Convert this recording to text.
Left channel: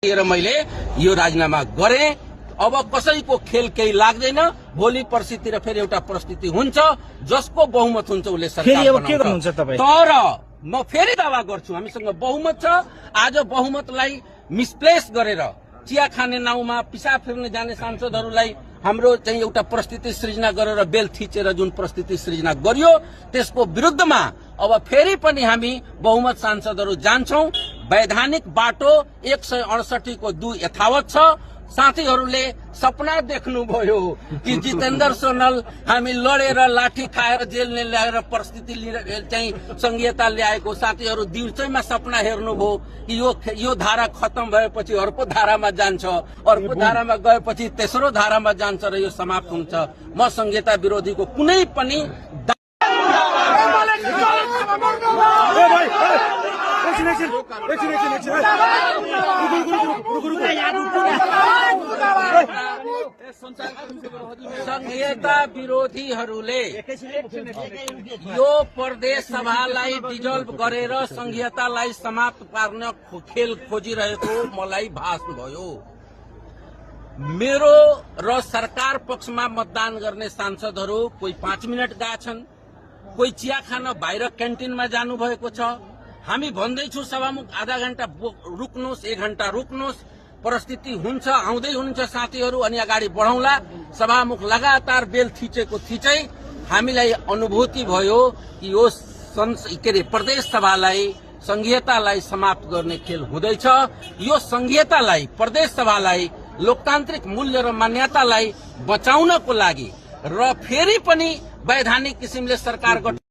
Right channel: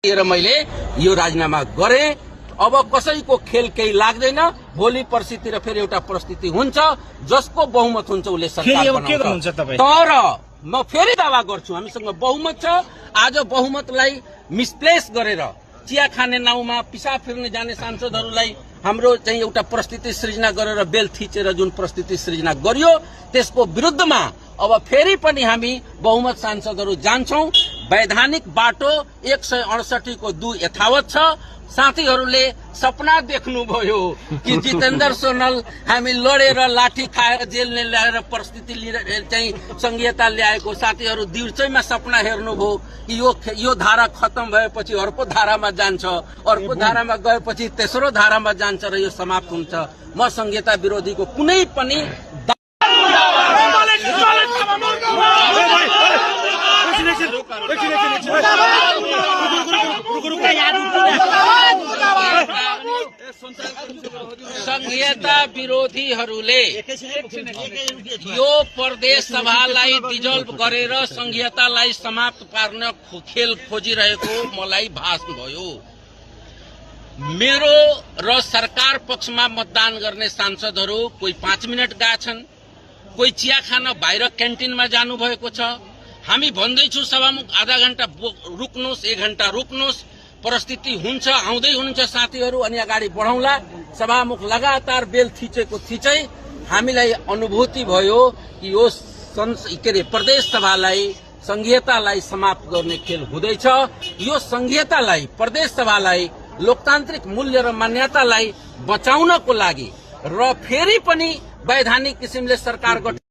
लिएर मैले यो राजीनामा गरे। अब कसैको खेल केही लाग्दैन। भोलि पर्सितिर फेरि एउटा परिस्थिति हुन्छ जसको बहुमत हुन्छ उसले सरकार बनाउँछ। तर म फेरि दावा गर्छु हामीसँग बहुमत छ। आज बहुमतलाई मिसप्लेस गरेर चिया खाने नाउँमा पिसाब फिर्ने जाने सांसदहरूलाई हाम्रो चाहिँ एउटा परिस्थिति सृजना गरेर बेल थिचेर जुन परिस्थिति सृजना गरियो त्यसको विरुद्धमा अब फेरि पनि हामी बहुमत सांसदहरू जान्छौं। वैधानिक बाटो 168 को 2 यथावत छ। साथीहरूले सपना देख्नुभयो कि जितेन्द्र सोनल हामी लडेर लाठी खाएर जेल ल्याएर परिस्थिति चाहिँ संघीयता ल्याएको साथीहरू दिउँसैमा सपना हेर्नुभयो कि यो धारा खत्म भएपछि अर्को धारामा जान्छ, अर्को धारामा गएपछि तेस्रो धारामा जान्छ र यो समाप्त हुन्छ। म संघीयता विरोधीको कुनै पनि संघीयता विरोधीहरूले यो प्रदेश सभालाई डिजल्भ गरेर संघीयतालाई समाप्त पार्न खेल खोजिरहेको मलाई भास भयो। मेरो र सरकार पक्षमा मतदान गर्ने सांसदहरू कोही 5 मिनट गएछन्, कोही चिया खान बाहिर क्यान्टिनमा जानुभएको छ। हामी भन्दैछौँ सभामुख आधा घण्टा रुक्नुहोस्, 1 घण्टा रुक्नुहोस्, परिस्थिति हुन्छ आउँदै हुनुहुन्छ साथीहरू अनि अगाडि बढौँला। सभामुख लगातार बेल थिचेको थिचै हामीलाई अनुभूति भयो कि यो प्रदेश सभालाई संघीयतालाई समाप्त गर्ने खेल हुँदैछ। यो संघीयतालाई प्रदेश सभालाई लोकतान्त्रिक मूल्य र मान्यतालाई बचाउनको लागि र फेरि पनि वैधानिक किसिमले सरकार